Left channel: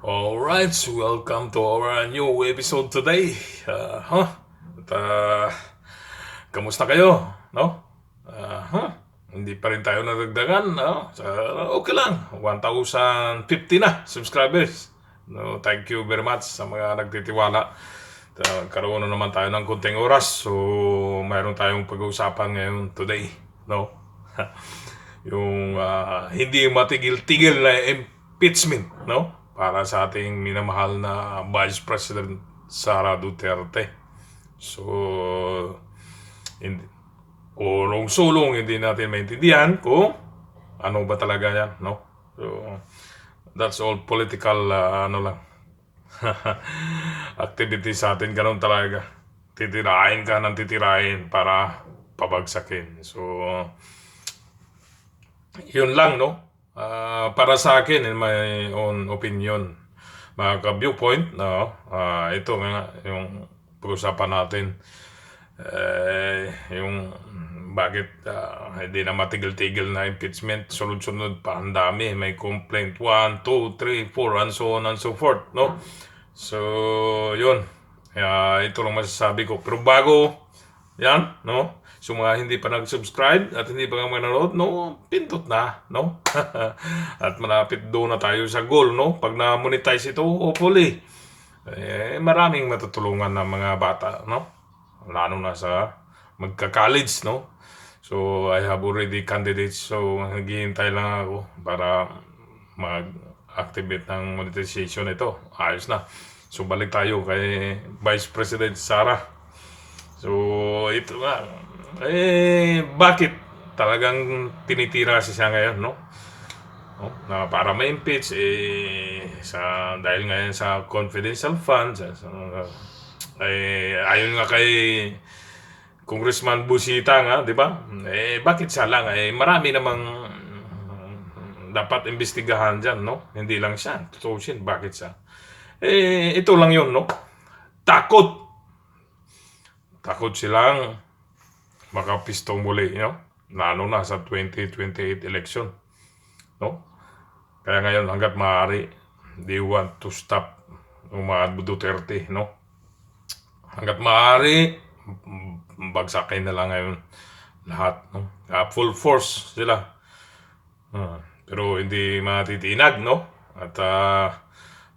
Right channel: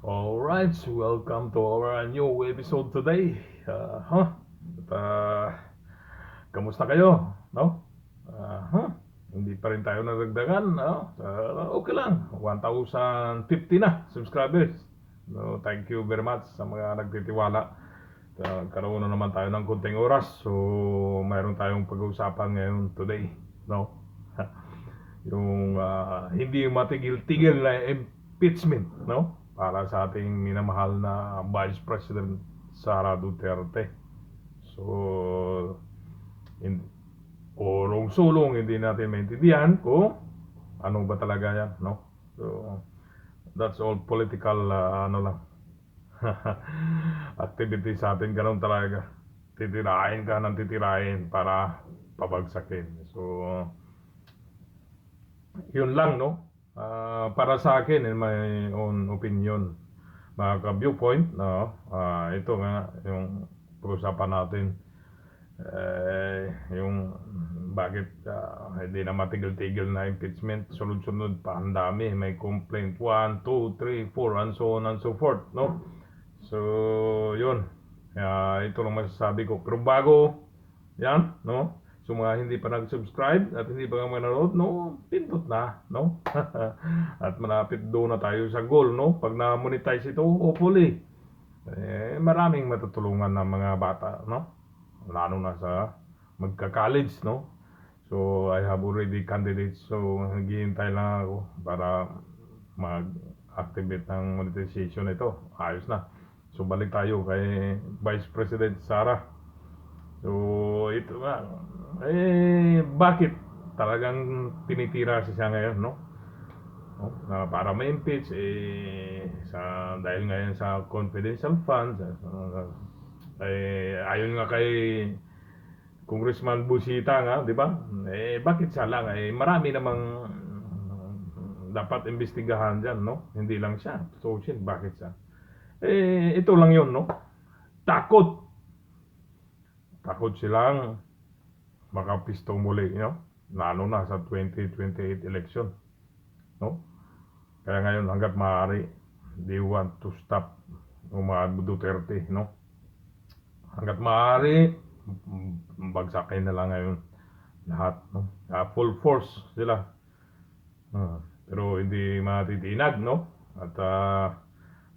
Alright, so welcome to our new episode today. At, kamusta kayo? No? Hindi pa rin tayo nadagdagan. No? Okay lang. 1,050 na subscribers. No, thank you very much sa mga nagtitiwala. Karoon na naman tayo ng konting oras. So, mayroon tayong pag-uusapan ngayon today. No? Yung hindi matigil-tigil na impeachment, no? Para sa ating minamahal na Vice President Sara Duterte. So, hindi, ulong-sulong hindi natin maintindihan kung ano ba talaga yan, no? So, that's all political, ano lang, activity sa atin, ganun talaga. Titirahin ka ng titirahin para pabagsakin. So, yun lang, no? Para sa akin, in my own opinion, mga ka-viewpoint, no? Ito nga, yung pag-usapan natin, yung bakit hindi na matigil-tigil na impeachment, sunod-sunod pa, ang dami, may complaint, 1, 2, 3, 4, and so on and so forth, no? So, yun. Ito lang masasabi ko. Pero bago yan, no? So mga hindi pa nag-subscribe at hindi pa nga manonood, no, pindot na, no? At malapit doon na tayo sa goal, no? Pag na-monetize ito, hopefully, maraming matutulungan ng mga bata, no? Lalo na sa magka-college, no? So I have already candidates, so naghihintay lang ako para mag-activate ng monetization ito. Ayos na. So balik tayo kay Vice President Sara. So ito nga, bakit talagang tinitira siya ngayon, no? Na para ma-impeach, dahil ngayon sa confidential funds, ayon nga kay Congressman Busita nga, di ba? Bakit siya lang? Marami namang dapat imbestigahan dyan, no? Hindi lang siya. Tutusin, bakit siya? Ito lang yun, no? Takot. Takot silang makapistong muli, no? Lalo na sa 2028 election, no? Kaya ngayon, hanggat maaari, they want to stop mga Duterte, no? Hanggat maaari, bagsakin na lang ngayon lahat, no? Full force sila. Pero hindi matitinag, no? At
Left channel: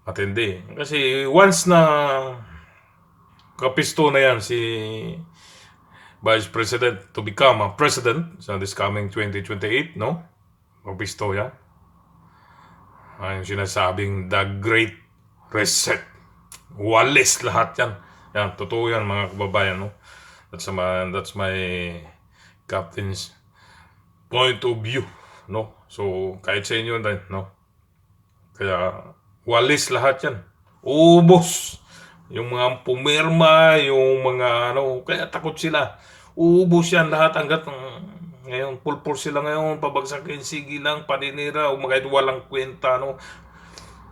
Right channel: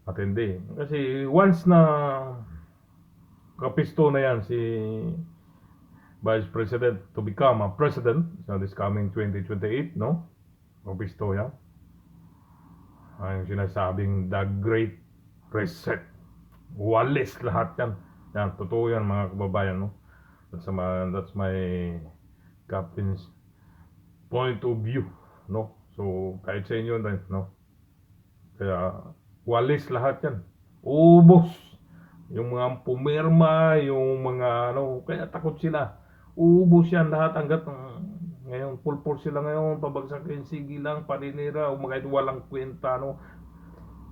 matindi. Kasi once na kapisto na yan si Vice President to become a president sa this coming 2028, no? Kapisto yan. Yung sinasabing the Great Reset. Walis lahat yan. Yan, totoo yan mga kababayan, no? That's my captain's point of view, no? So, kahit sa inyo din, no? Kaya, walis lahat yan. Ubos. Yung mga pumirma, yung mga ano, kaya takot sila. Ubos yan lahat hanggat ngayon, pulpul sila ngayon, pabagsakin, sige lang, paninira, o kahit walang kwenta, no?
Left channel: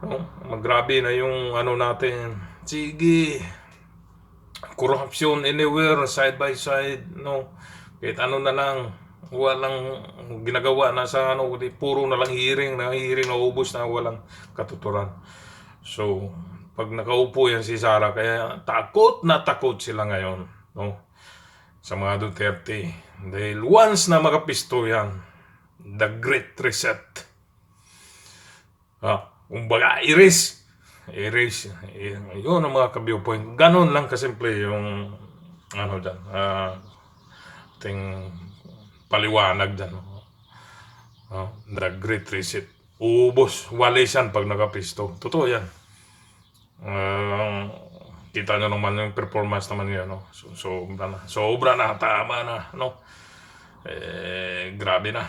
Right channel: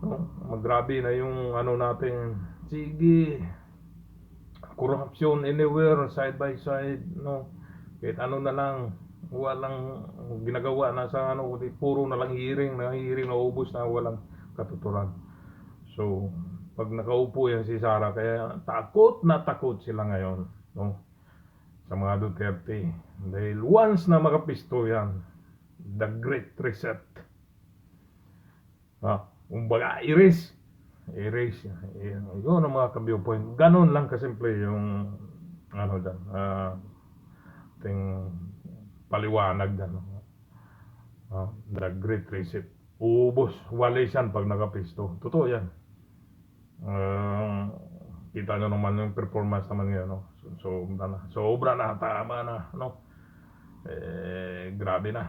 No? Magrabe na yung ano natin. Sige, corruption anywhere, side by side, no? Kahit ano na lang, walang ginagawa na sa ano, puro na lang hearing, na ubos na walang katuturan. So, pag nakaupo yan si Sara, kaya takot na takot sila ngayon, no? Sa mga Duterte. Dahil once na makapisto yan, the Great Reset. Kumbaga, erase. Yun ang mga ka-viewpoint. Ganon lang kasimple yung ano dyan, ating paliwanag dyan. The Great Reset. Ubos, walis yan pag nakapisto. Totoo yan. Kita nyo naman yung performance naman yun, no? Sobra na, tama na, no? Grabe na.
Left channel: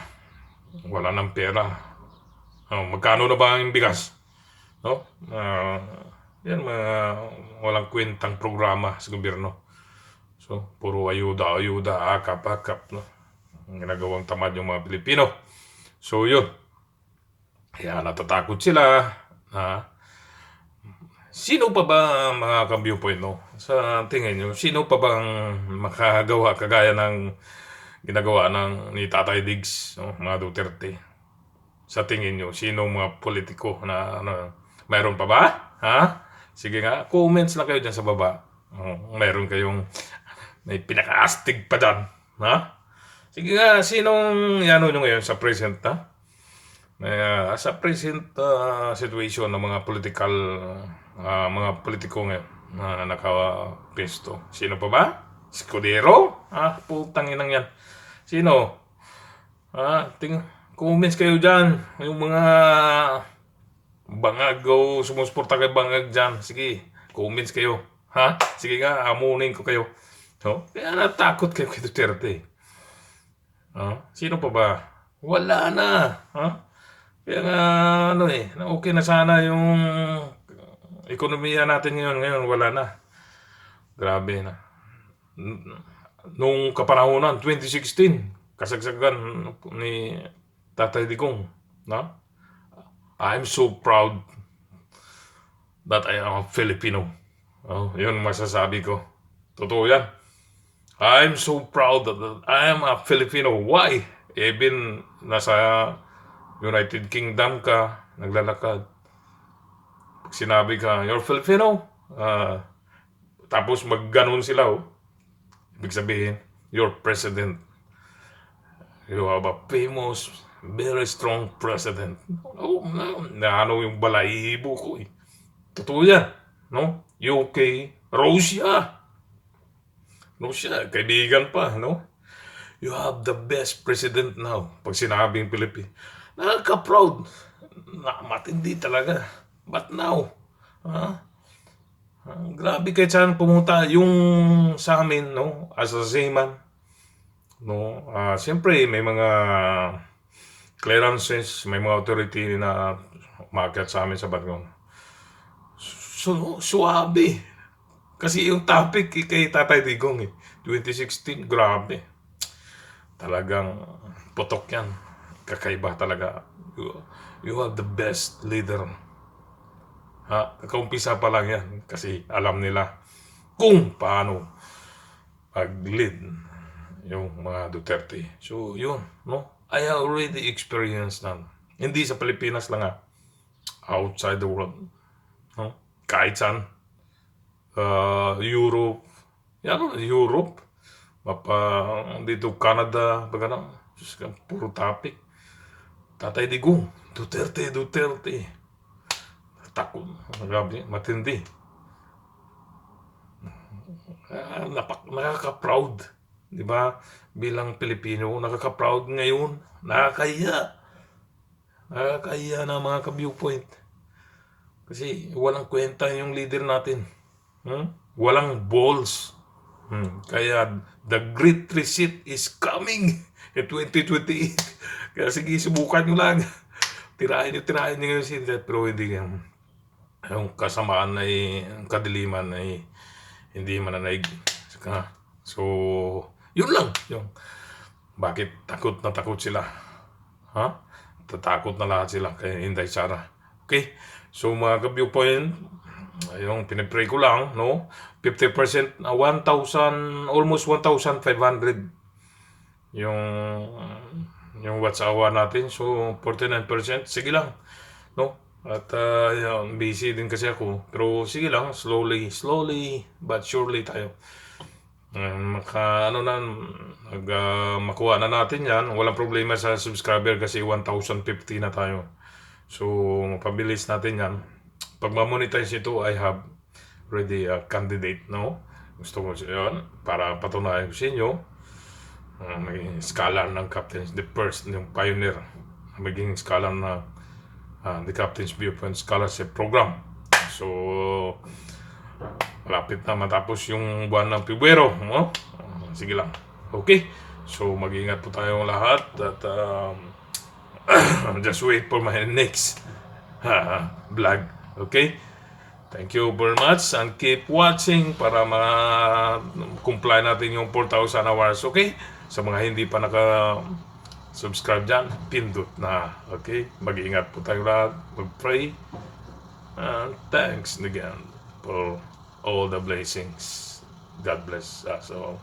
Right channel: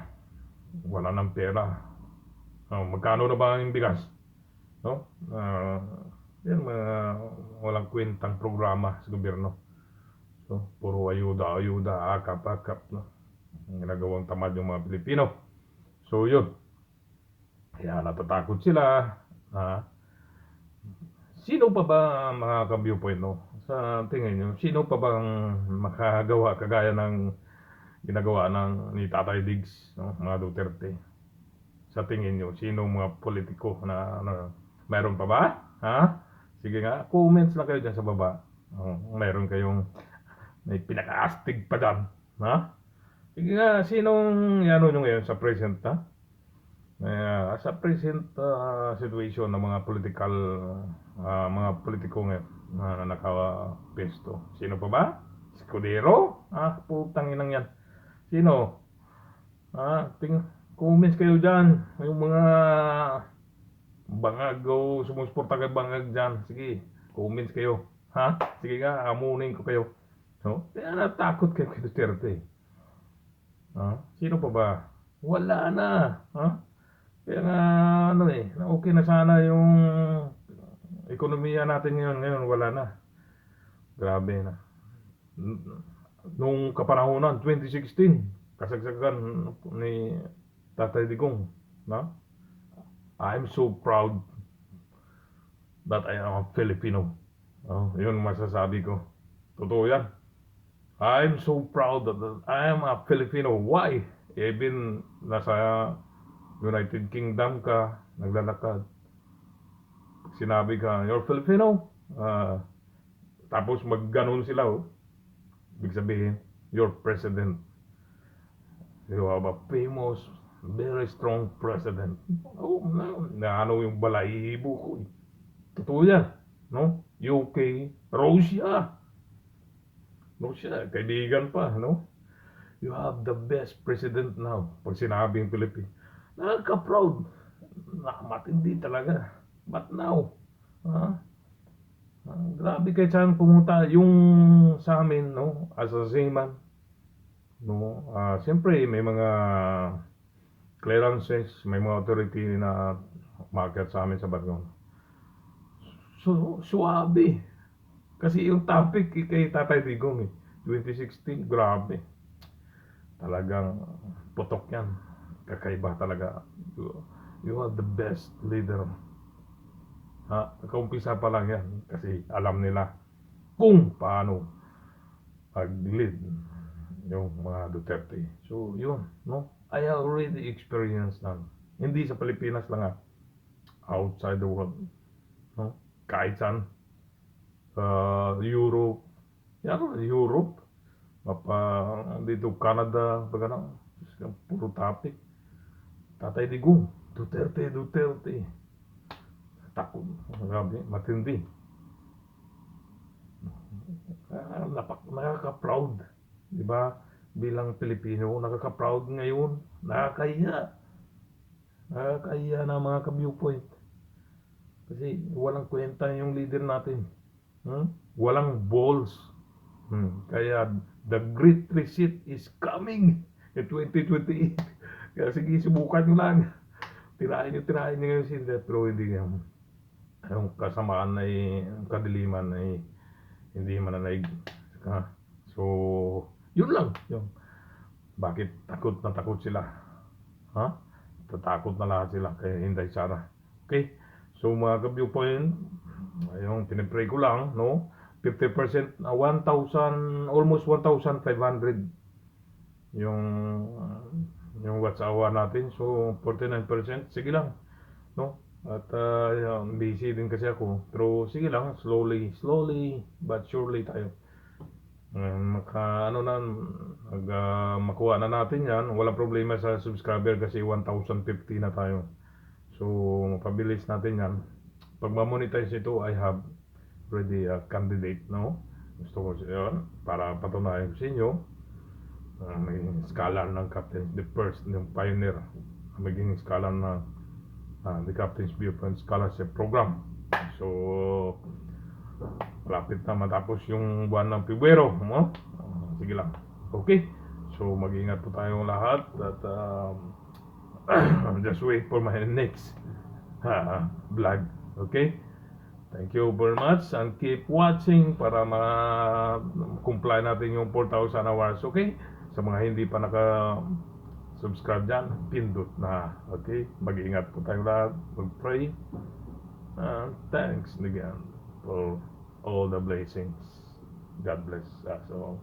Wala ng pera. Magkano na ba ang bigas? No? Yan, walang kwentang programa sa gobyerno. So, puro ayuda, akap, no? Ginagawang tamad yung mga Pilipino. So, yun. Kaya natatakot sila. Sino pa ba mga ka-viewpoint, no? Sa tingin nyo, sino pa bang makagawa kagaya ng ginagawa ng ni Tatay Diggs, no? Mga Duterte? Sa tingin nyo, sino mga politiko na Mayroon pa ba? Ha? Sige nga, comments lang kayo dyan sa baba. Mayroon kayong may pinaka-astig pa dyan. Ha? Sige nga, sinong ano nyo ngayon sa present, ha? Sa present situation ng mga mga politiko ngayon na nakapesto. Sino pa ba? Escudero? Putang inang yan. Sino? Comments kayo dyan. Yung mga bangag o sumusuporta kay bangag dyan. Sige, comments kayo. Ha? Sige nga, amunin ko kayo. No? Kaya natakot kayo kay Duterte. Sino pa ba? Wala na. Kaya nga, okay na sana yung ekonomiya natin ngayon. Ngayon, wala na. Grabe na. Nung kapanahonan, 2016, kasagsagan ni Tatay Digong. I'm so proud that I am a Filipino. Yun masasabi ko. Totoo yan. I'm so proud that I am a Filipino. Why? Even nasa United Kingdom ka, naglalakad. Pag sinabi ka, you're Filipino. Tapos magganon sila. Ibig sabihin, you're president. You have a famous, very strong president. Ano yung balahibo ko eh. Totoo yan. No? UK, Russia, kaibigan pa, no? You have the best president now. Pag sinabing Philippines, nakaka-proud. Matindi talaga. But now, grabe kahit saan pumunta. Yung sa amin, no? As a seaman, no? Siyempre, may mga clearances, may mga authority na umakyat sa amin sa Batgon. So, suwabe. Kasi yung topic kay Tatay Digong 2016, grabe. Talagang putok yan. Kakaiba talaga. You have the best leader. Kaumpisa pa lang yan. Kasi alam nila kung paano pag-lead yung mga Duterte. So, yun. No? I already experienced na. Hindi sa Pilipinas lang outside the world. No? Kahit saan. Europe. Europe. Dito Canada. Puro topic. Tatay Digong. Duterte. Takot. Grabe. Matindi. Nakaka-proud. Diba? Bilang Pilipino, nakaka-proud ngayon. Nakakahiya na mga ka-viewpoint. Kasi walang kwenta yung leader natin. Walang balls. Kaya the great reset is coming in 2028. Kaya sige, subukan nyo lang. Tirahin nyo ngayon sila. Pero hindi yan. Yung kasamaan ay, yung kadiliman ay hindi mananaig. So, yun lang. Bakit takot na takot sila? Tatakot na lahat sila kay Inday Sara. Okay? So mga ka-viewpoint, yung pinipray ko lang, no? 50%, 1,000, almost 1,500 yung watch-hour natin. So 49%, sige lang, no? At busy din kasi ako. Pero sige lang, slowly but surely tayo. Makuha na natin yan. Walang problema sa subscriber kasi 1,050 na tayo. So, mapabilis natin yan. Pag ma-monetize ito, I have already a candidate, no? Gusto ko yun para patunayan ko sa inyo. Maging scholar ng Captain's, the first, yung pioneer. Maging scholar na the Captain's Viewpoint Scholarship Program. So, malapit na matapos yung buwan ng Pebrero, no? Sige lang. Okay? So, mag-iingat po tayong lahat at just wait for my next vlog. Okay? Thank you very much and keep watching para ma-comply natin yung 4,000 hours. Okay? Sa mga hindi pa naka-subscribe dyan, pindot na. Okay? Mag-iingat po tayong lahat. Mag-pray. And thanks again for all the blessings. God bless us all.